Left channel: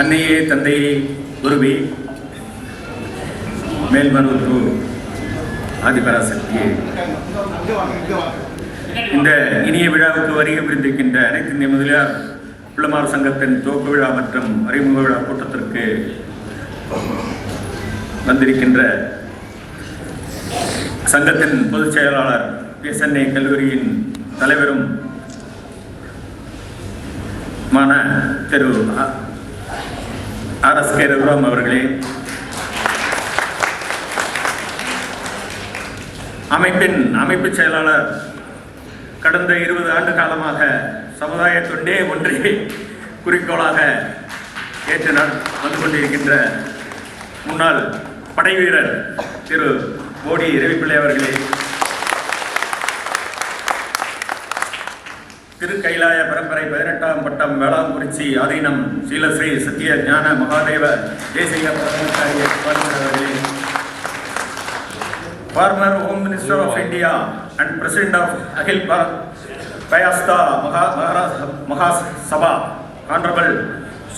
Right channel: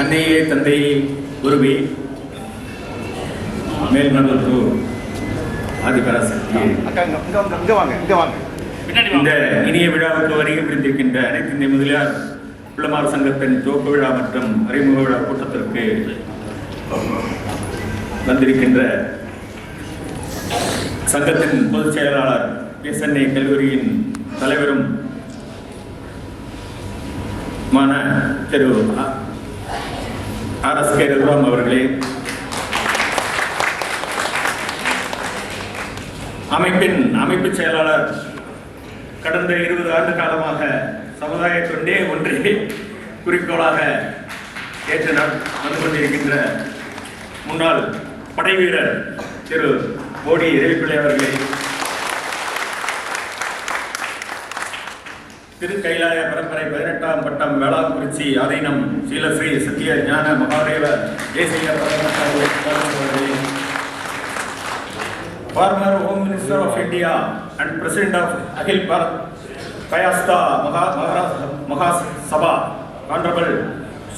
அன்னையே தந்தையே குருவே மேல்மருவத்தூர் ஆதிபராசக்தி இந்த இனிய விழாவுக்கு வருகை புரிந்திருக்கின்ற அனைத்து இந்திய முதலியார் பிள்ளைமார் சங்கத்தின் துவக்க விழா மற்றும் அறிமுக விழா கூட்டத்திற்கு வந்திருக்கின்ற சங்கத்தின் பொதுச் செயலாளர் சென்னை கல்லூரியின் தலைவரும் திரு RSK ரகுராம் அவர்களே, அமைப்பின் அமைப்பு செயலாளர் கடந்த 20 ஆண்டு காலமாக சமுதாய தொண்டே ஒன்றே குறிக்கோளாக ஏற்று வந்து கொண்டிருக்கின்ற முன்னாள் படை வீரர் திரு கோடி ரவிப்பிள்ளை அவர்களே, திருக்கைலாய பரம்பரை 18ஆம் பட்டம் வேளாக்குறிச்சி ஆதீனம் ஸ்ரீலஸ்ரீ சத்திய ஞான மகாதேவ தேசிய former home minister of India and president of Akhil Bharat பயாஸ்தா மகாசபா ஆனரபிள்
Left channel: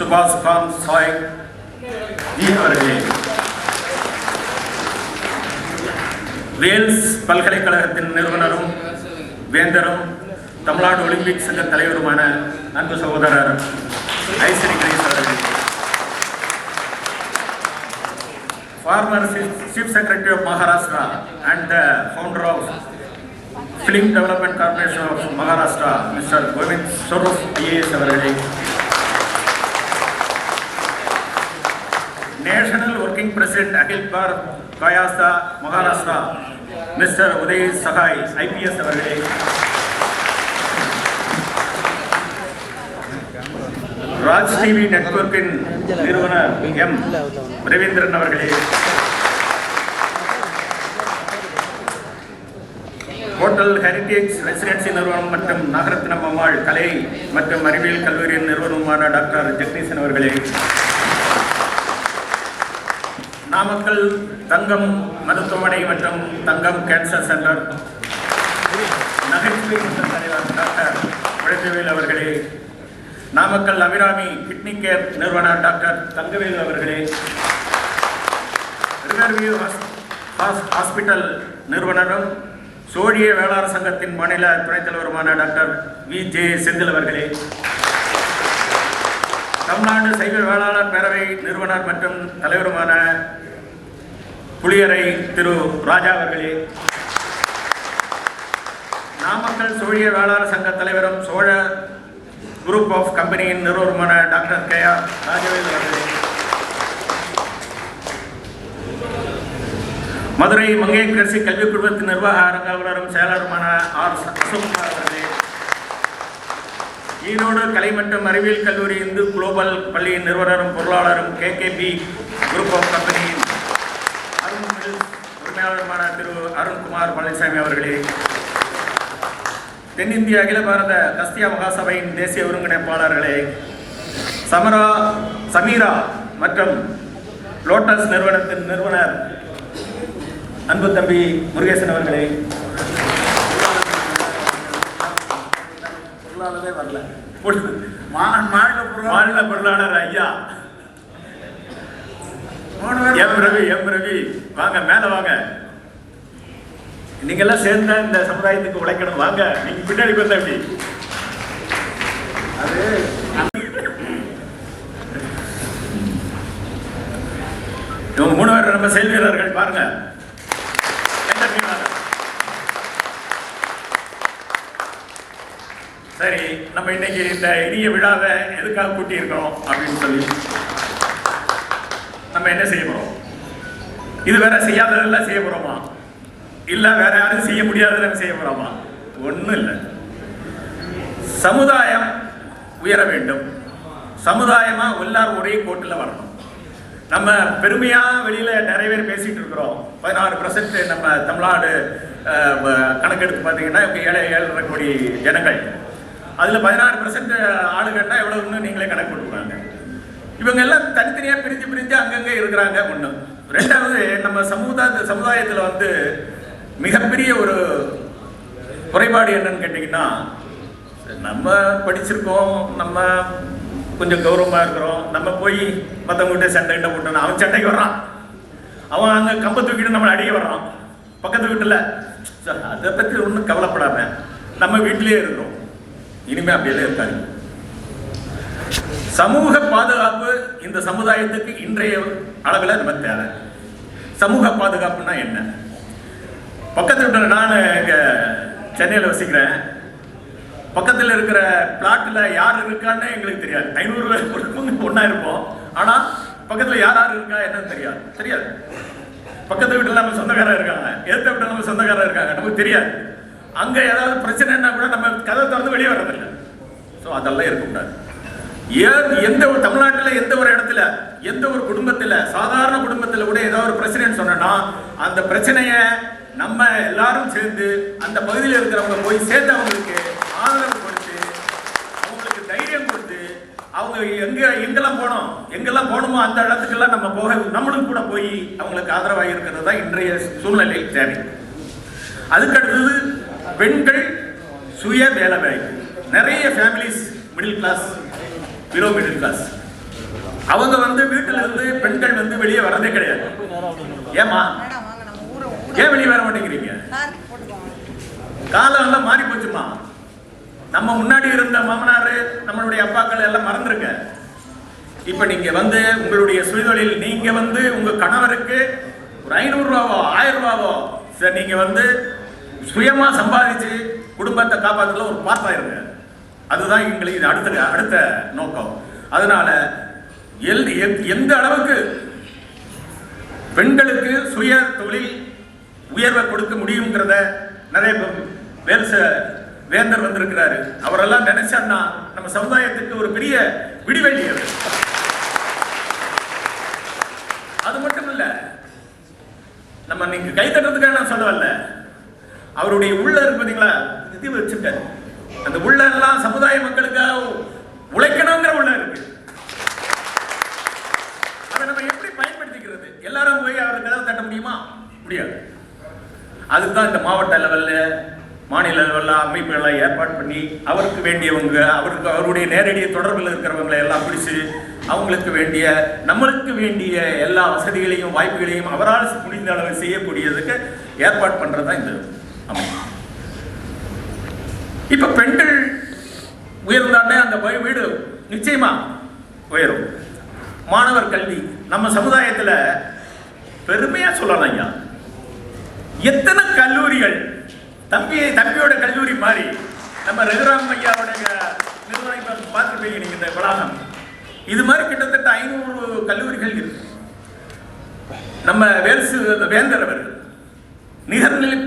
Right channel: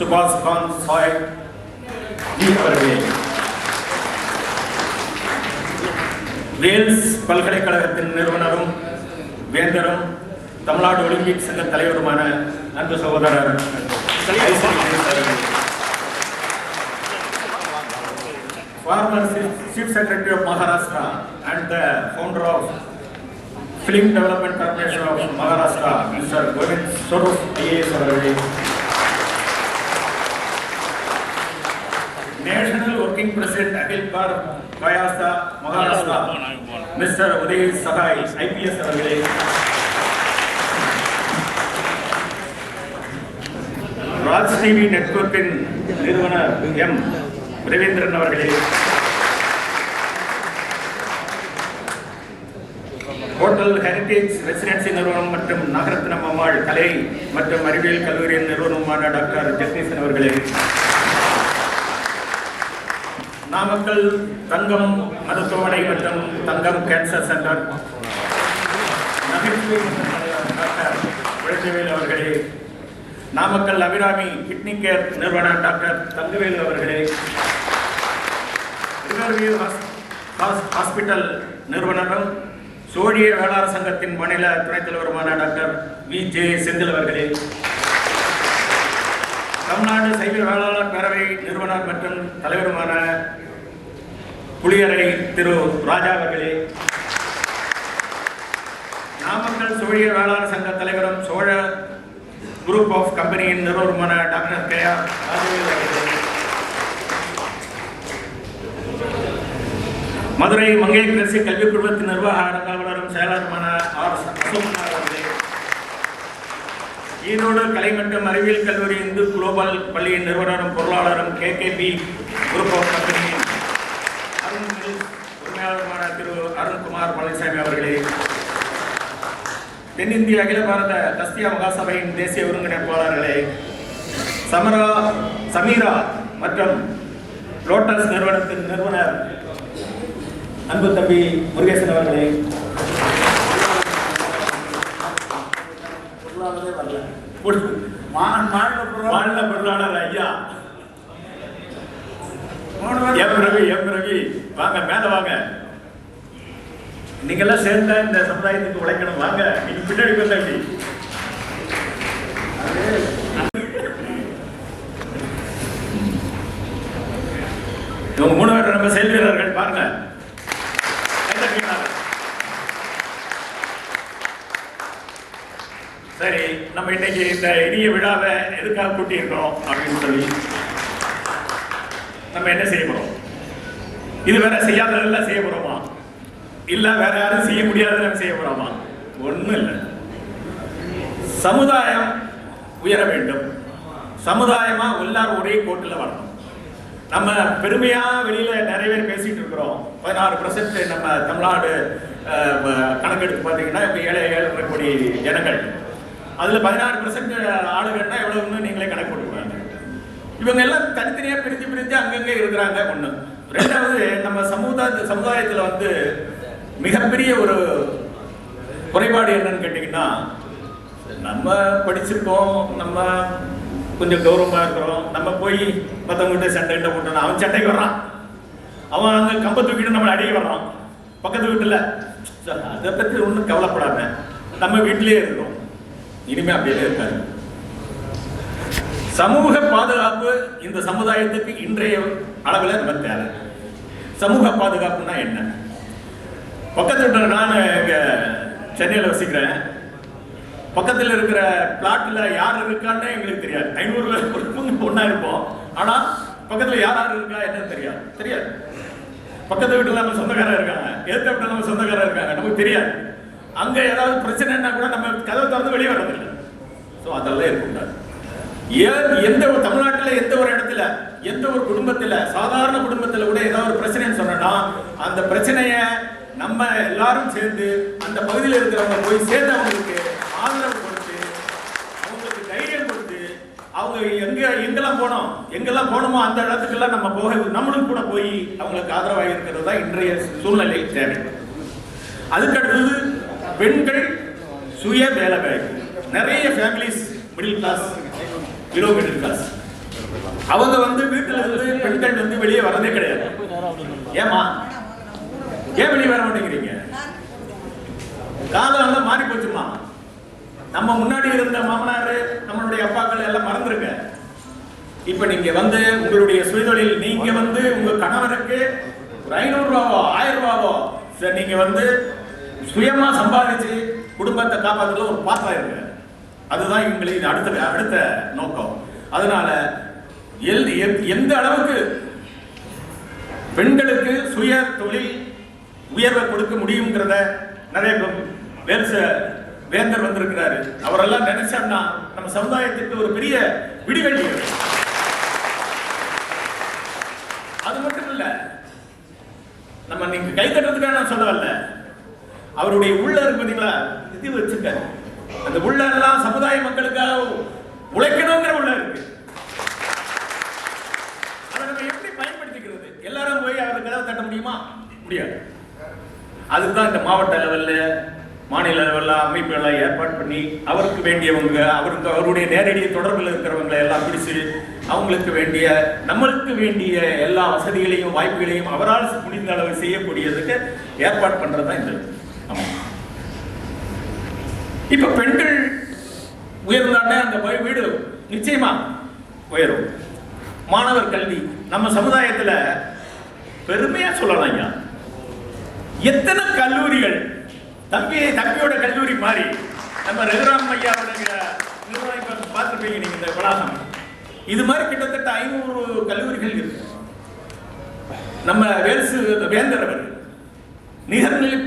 சுபாஷ் காந்த் சாய் அவர்களே, வேல்ஸ் பல்கலைக்கழகத்தின் நிறுவனரும் வேந்தரும் தமிழ்நாடு ஒலிம்பிக் சங்க தலைவருமான அன்பு சகோதரர் ஐசரி அவர்களே, former Chief Secretary of Maharashtra and the founder of Film Development Corporation of Maharashtra, Mr. Govind Soros IAS அவர்களே, National Working President Akhil Bharat Bayasta Maharashtra, Mr. Uday Sahai IPS அவர்களே, Raj TV நெட்வொர்க்கின் நிறுவனர் M Ravindran அவர்களே, hotel heritage residency நிறுவனம் மற்றும் நாகரத்னம் அம்மாள் கலை மற்றும் அறிவியல் கல்லூரியின் நிறுவனமான டாக்டர் ஜெகதீசன் அவர்களே, நாமக்கல் தங்கம் மருத்துவமனை மற்றும் தங்கம் கேன்சர் சென்டர் நகைச்சுவை டாக்டர் விழவேல் அவர்களே, நாமக்கல் அபிராமி கிட்னி கேர் நிறுவன டாக்டர் தங்கவேலு அவர்களே, ரிவர்வியூ ஹாஸ்பிட்டல் நிறுவனரும் சோழிய வேளாண் சங்கத்தின் மாநில துணைத் தலைவருமான டாக்டர் VJ செந்தில் அவர்களே, தமிழ்நாடு சைவ வேளாளர் பேரவை நிறுவனர் மற்றும் தலைவருமான புளியரை திரு ராஜா அவர்களே, நாமக்கல் சோழிய வேளாண் சங்க தலைவரும் சோழ குரூப் ஆஃப் கம்பெனியின் நிறுவனமான டாக்டர் KR ராஜவேல் அவர்களே, மதுரை மங்கையரசி கல்விக் குழுமத்தின் நிர்வாக அரங்காவலரும் செயலாளருமான R. அசோக்குமார் அவர்களே, ஈரோடு கலை மற்றும் அறிவியல் கல்லூரி இந்து குளோபல் பள்ளியின் நிறுவனரும் பொருளாளரும் KKB குரூப் ஆஃப் கம்பெனியின் உரிமையாளருமான திரு அருண்குமார் பழனிசாமி அவர்களே, தென்னிந்திய அகில பாரத கஸ்தியா மகாசபையின் தேசிய ஒருங்கிணைப்பாளர்களே, சமீரா மற்றும் லோட்டஸ் நிறுவனத்தின் நிறுவனர் அன்பு தம்பி முருகேசன் அவர்களே, மாநில பொருளாளர் ஐயா எம் ரவி வாங்க, மேல வாங்க, நீங்க எல்லாம் சேர்ந்த இந்த சமுதாயத்துக்கு உழைக்கணும், வாங்க, நீங்க பின்னாடி கொண்டாடி இவங்க 3 பேர் நம்ம செயல் வீரர்கள் பாருங்க. சரி, நம்ம இன்னைக்கு இந்த இனிய விழாவை எதுக்காக கூட்டி இருக்கிறோம் அப்படின்னு சொல்லி நம்ம என்ன செய்ய போறோம்? இது வேற செய்யாததெல்லாம் செய்ய போறோமா? இல்ல வேற யாரும் செய்ய முடியாததை செய்ய போறோமா? ஒண்ணும் இல்லை. சமுதாயம் உயர வேண்டும், சமுதாயமா எல்லாரும் ஒரே கோட்டில் வரணும். நம்ம பெருமையா வெளியில நிறைய பேர் பேசிட்டு இருக்கிறோம். 16% நம்ம தமிழ்நாடு கணக்கெடுத்து பார்த்தீங்கன்னா 7 கோடி ஜனங்கள், அதுல 16% ஆளுகள்னா எவ்வளவுன்னு நீங்களே கணக்கு போட்டுருவாங்க. இவங்க எல்லாம் தனித்தனியா பிரிஞ்சு அங்கங்கே இருக்கிறாங்க. ஒண்ணு. ரெண்டாவது, நம்ம சமுதாயத்துல வந்து மிகப்பெரிய ஒரு குறைபாடு என்னன்னு கேட்டீங்கன்னா, நம்ம படிச்சிருக்கோம், நம்ம கொஞ்சம் கௌரவமா இருக்கிறோம். நம்ம போய் மற்றவங்ககிட்ட சண்டைகிட்ட போட்டோம், அவன் சண்டைக்கு வர்றான், அவன் அங்க கம்ப தூக்கிட்டு நம்மளை அடிக்க வர்றான் பக்கத்து வீட்டுல. அதை பத்தி ஒன்றும் கவலைப்படாம நம்ம வீட்டிலேயே இருக்கோம். இனிமே அப்படியெல்லாம் இருக்காது. சமூக பாதுகாப்பு இந்த சமுதாயத்துக்கு இன்றைய அளவில் நம்ம தேவை. சமூக பாதுகாப்புனா என்ன? பக்கத்தில் இருக்கிற, நான் இங்க சென்னையில் வசிக்கிறேன், பக்கத்தில் இருக்கிற பிளாட்ல யார் இருக்கான்னு எங்களுக்கு தெரியாது. 500 பேர் ஒன்னா இருப்போம், ஆனா பக்கத்துல யார் யார் இருக்கா என்னன்னு தெரியாது. பக்கத்து வீட்டுல நம்ம சொந்தக்காரர் இருக்காங்க, எதிர்த்த வீட்டுல நம்ம சொந்தக்காரர் இருக்காங்க, நமக்கு தெரியாது. அங்க ஏதாவது பிரச்சனைன்னா கூட நம்ம கதை திறந்து வெளியே வர்றதில்லை. ஸோ அதெல்லாம் இருக்கக்கூடாது. எந்த ஒரு தமிழ்நாட்டில் எந்த ஒரு இடத்துல, எந்த ஒரு குடும்பத்துல, சாதாரண குடும்பத்துல கூட ஏதாவது ஒரு பிரச்சனைன்னு சொன்னா அந்த பிரச்சனைய நம்ம எல்லாரும் சேர்ந்து அந்த பகுதியில் இருக்கிறவங்க போய் சேர்ந்து அவங்களுக்கு ஆதரவு கொடுத்து, அவங்களுக்கு தைரியம் கொடுத்து, அவங்க எங்கெல்லாம் போனோமோ அந்த இடத்துக்கெல்லாம் நம்ம போக, நம்மளும் கூட போய் அவங்களுக்கு ஆதரவாக இருக்கிறது தான் இன்றைய சூழ்நிலை தேவை. அதுக்கடுத்தது பெண்கள் சுய வேலை. நிறைய families middle class, below middle class, அவங்க வீட்டுல இருந்து பெண்கள் வெளியே வரதே கிடையாது. ஏமா ஏன் வெளியே வர மாட்டேங்கிறீங்க? காலம் எல்லாம் மாறி போச்சுமா. நம்ம முன்னாடி இருந்த மாமனாரு, நம்மளுடைய அப்பாக்கள் எல்லாம் மறந்துருக்க. இப்ப நீங்க உங்களுடைய சுயதொழில், நீங்க உங்க கணவருக்கு ஒரு 500 ரூபாவோ 1000 ரூபாவோ நீங்க சுயமா சம்பாதிச்சு குடும்பத்தை காப்பாற்றுல ஒரு பாத்திரம் இருக்கு. அதுதான் எங்களுக்கு அடுத்த நோக்கம். அதனால எந்த அளவுக்கு பெண்களுக்கு சுய தொழில் உயர்வை கொடுக்க முடியுங்கிறத நிறைய வேந்தர் வந்திருக்கிறாரு. அவரெல்லாம் நினைச்சா நம்ம சமுதாயத்துக்கு ஒரு பெரிய விடிவெள்ளி. அது மட்டும் இல்ல, நம்ம நீங்க கை தட்டுறதுக்காக நான் சொல்லல, அவருடைய உள்ள இருக்கு பாத்தீங்களா, இது வச்சுக்க, அந்த உள்ள எல்லாம் சமுதாய மக்களுக்காக உழைக்கணுங்கிற உள்ள இருக்கு. அதை நம்ம எப்படி பயன்படுத்திக்கிறது? எல்லாரும் போய் அவருக்கு ஏதாவது தட்ட முடியுமா? முடியாது. அதுதான் இந்த மாவட்ட லெவல்ல, மாநில லெவல்ல அமைப்புகளை ஏற்பாடு பண்ணி அவருக்கு வேண்டியவங்க, அவருடைய நேரடி தொடர்பில் இருக்கிறவங்களை எல்லாம் பிடிச்சு அவங்களுக்கு வேண்டிய, நம்மளுக்கு வேண்டிய எல்லா வசதிகளையும் வாய்ப்புகளையும் அவரால் முடிந்த அளவு செய்யக்கூடியதுக்கு ஏற்பாடு பண்றதுதான் இந்த அமைப்பு. இப்ப பெண்கள் உயர்ந்தாண்டே அந்த வீடு நிச்சயமா உயரும். மாணவர் கல்வி நம்ம சமுதாயத்துல பெருமையா சொல்லலாம். ஐயா, எத்தனை கல்லூரிகள், தம்பியோட கல்லூரி மாதிரி நம்ம ரகுராம் ஐயாவுடைய நிறுவனம் பார்த்துருப்பீங்க நீங்க, இந்த வளாகம் இது மாதிரி கிட்டத்தட்ட 500 கல்லூரிகள் இருக்கு. நம்ம வேந்தர் அவர் நிகர்நிலை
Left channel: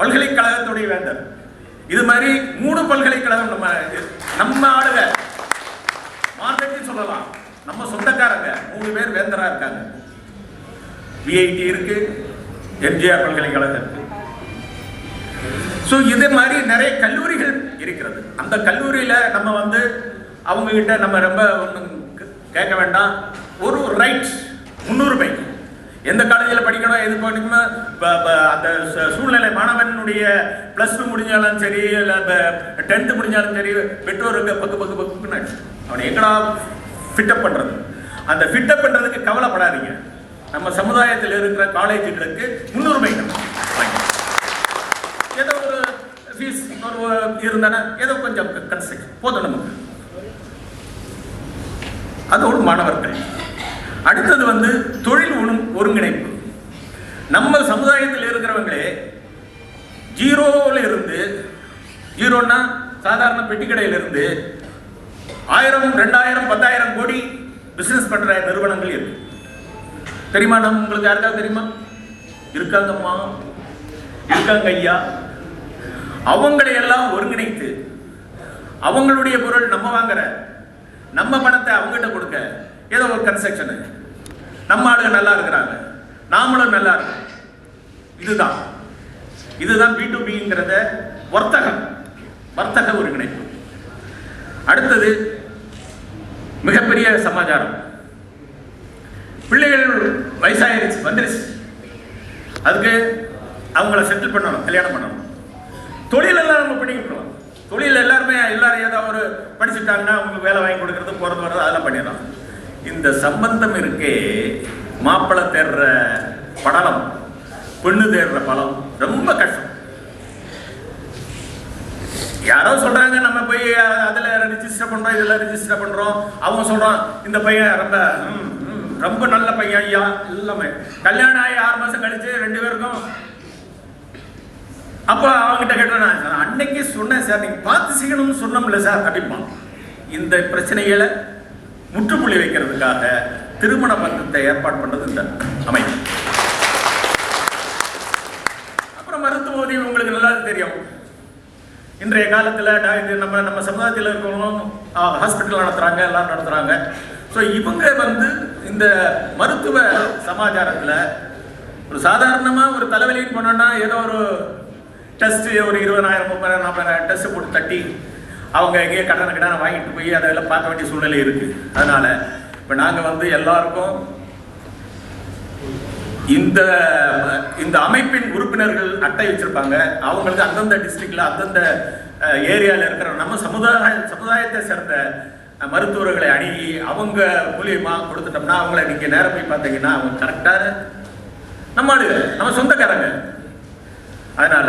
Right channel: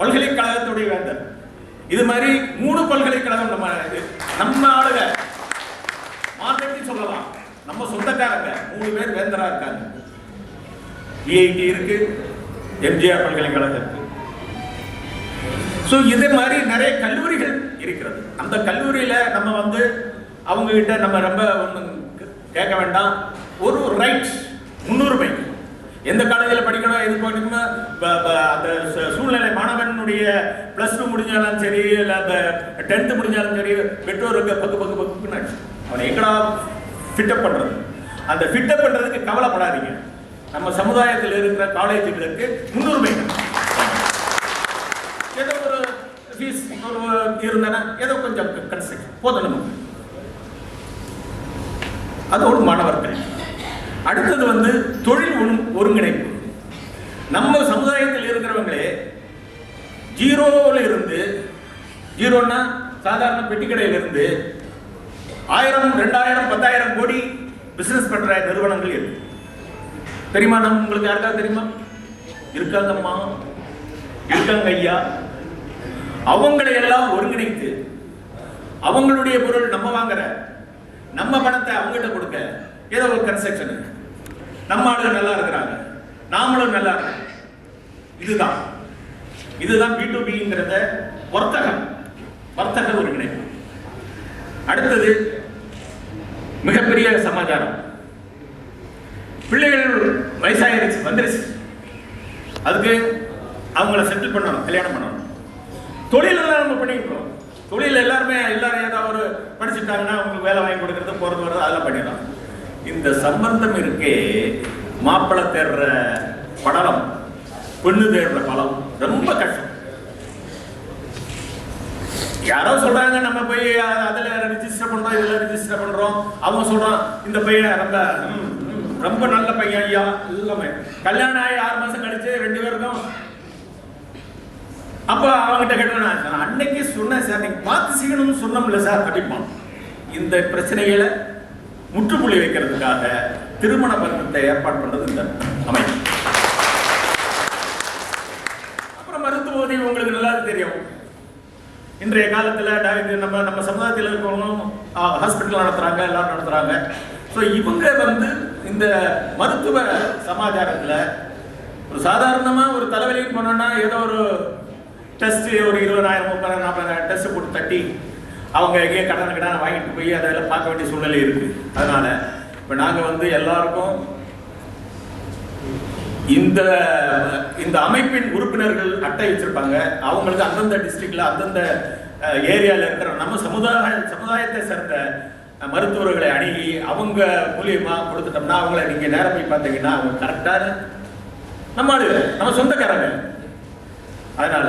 பல்கலைக்கழகத்துடைய வேந்தர். இது மாதிரி 3 பல்கலைக்கழகம் நம்ம ஆளுக மார்க்கெட்டில் சொல்லலாம். நம்ம சொந்தக்காரங்க 3 பேர் வேந்தரா இருக்காங்க. விஐடி இருக்கு, எம்ஜிஆர் பல்கலைக்கழகம். இதே மாதிரி நிறைய கல்லூரிகள் இருக்கிறது. அந்த கல்லூரியில நம்ம அவங்க கிட்ட நம்ம ரொம்ப கேட்க வேண்டாம். ஒரு ரைட், முன்னுரிமை. எந்த காலேஜில் படிக்கணும், எது படிக்கணும், அந்த சூழ்நிலை, மாணவனுடைய +2 முடிஞ்சாலும் சரி, இல்லை 10th முடிஞ்சாலும் சரி, பெற்றோருக்கு பக்கு அவனை எங்கடா ஃபிட்டப் பண்றது. அந்த ஃபிட்டப் பண்றதுக்கு கவலைப்படாதீங்க. நம்ம சமுதாயத்தில் இருக்கிற காலேஜுகளுக்கு முன்னுரிமை. ஏதோ ஒரு ஃபீஸ் இருந்தானா ஏதோ கொஞ்சம் கன்ஸ்ட்ரக்ட் போதும் நமக்கு. அதோடு மாணவர்கள். அடுத்தது தொழில் ஒருங்கிணைப்பு. நம்ம சமுதாயத்தில் இருக்கிறவங்களே ஜீரோல இருந்து, ஜீரோன்னா சாதாரண பெட்டி கடையில இருந்து 1000, 2000, 10,000 கோடி பிசினஸ் பண்ற நிறுவனங்கள் இருக்கு. தெரியுமா? உங்களுக்கு யாருக்காவது தெரியுமா? இருக்காங்கம்மா, இருக்காங்க ஐயா. அவங்களை எல்லாம் ஒருங்கிணைத்து அவங்களுடைய பொருள் நம்ம வாங்குற, நம்ம பணத்தை அவங்ககிட்ட கொடுக்க, ஏதோ ஒரு கன்ஸ்ட்ரக்ஷன், நம்ம ஆளுங்க நல்லா இருக்கிறாங்க, நாமளும் நல்லா இருக்கோம். இதுதான் B2Bங்கிறத வர்த்தக ஒருங்கிணைப்பு. அடுத்தது மிகப்பெரிய சமாச்சாரம். பிள்ளைகள் வயசாயிருச்சு, வந்துருச்சு, அதுக்கு அவங்கள செட்டில் பண்ணணும், கல்யாணம் பண்ணணும். தொழில் எல்லாம் நம்ம பண்ணிக்கிறோம். தொழில் எல்லாரும் ஏதாவது ஒரு படிச்சுட்டாங்கன்னா அவங்க வேலை வாங்கி கொடுக்கறது போறது வர்றது அதெல்லாம் பண்ணிடலாம். இந்த சம்பந்தம் இருக்கே, மாப்பிள்ளை தேடுற படலம், பெண்ணு தேடுற பலம் ரொம்ப கஷ்டம். யாரோ சொல்றாங்க நம்ம போய் அதுல ரிஜிஸ்டர் பண்றோம், இதுல ரிஜிஸ்டர் பண்றோம். அவங்க சொல்றான் இந்த பையன் ரொம்ப ரொம்ப நல்ல பையன் ஐயா. எல்லாமே கல்யாணம் ஆகி 6 மாசம் கழிச்சு 2 பேருக்கும். அப்ப அவங்ககிட்ட கேட்டேன், அன்னைக்கு சொன்னேன் சார், நீங்க பார்த்து செய்யணும்னு சொன்னோம்ல சார் அப்படிமா. இந்த பிரச்சனைகளை முற்றுப்புள்ளி வைக்கிறதுக்காக திருமண பந்தத்தை ஏற்பாடு பண்றது இந்த அமைப்பு. அப்புறம் மருத்துவ உதவி உங்களுக்கு நல்லா தெரியும். இன்றைய காலத்தில் நம்ம சமுதாயத்தில் இருக்கிறவங்களும் ஹாஸ்பிட்டல் நடத்துறாங்க, எல்லாம் நடத்துறாங்க. ஸோ இவங்க இந்த மருத்துவ சமாச்சாரத்தில் ஒரு சாதாரணமாக ஒரு தலைவலின்னு போனோம்னா ஏதோ ஒரு டெஸ்ட் ஒரு 20,000 30,000 40,000 டெஸ்ட் போட்டு தட்டி அவங்க எங்கேயே கடனை வாங்கிட்டு போய் அதெல்லாம் பார்க்க வேண்டிய சூழ்நிலை இருக்கு. அதனால இப்போ நாங்கள் எல்லாருக்கும் இந்த அமைப்பின் உறுப்பினர்கள் அட்டை வச்சிருப்பாங்க. அவங்களுக்கு அந்தந்த டிஸ்ட்ரிக்ட்ல அந்தந்த ஏரியால இருக்கிற நம்ம சமுதாயத்தை சேர்ந்த மருத்துவர்களை அணுகி அவங்க மூலியமா கொடுத்துட்டோம்னா அவங்கள நீங்க நேரம் போய் பார்த்தீங்கன்னா அவங்க கரெக்டா நம்ம சொந்தக்காரங்க. அதனால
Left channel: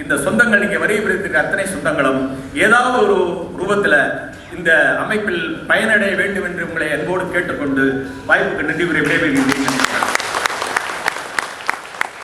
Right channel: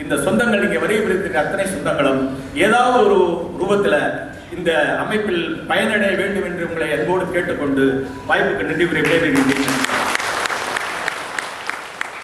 இந்த சொந்தங்கள் நீங்க வரையறுத்திருக்கிற அத்தனை சொந்தங்களும் ஏதாவது ஒரு ரூபத்துல இந்த அமைப்பில் பயனடைய வேண்டும் என்று உங்களை அன்போடு கேட்டுக்கொண்டு வாய்ப்புக்கு நன்றி கூறி விடைபெறுகிறேன்.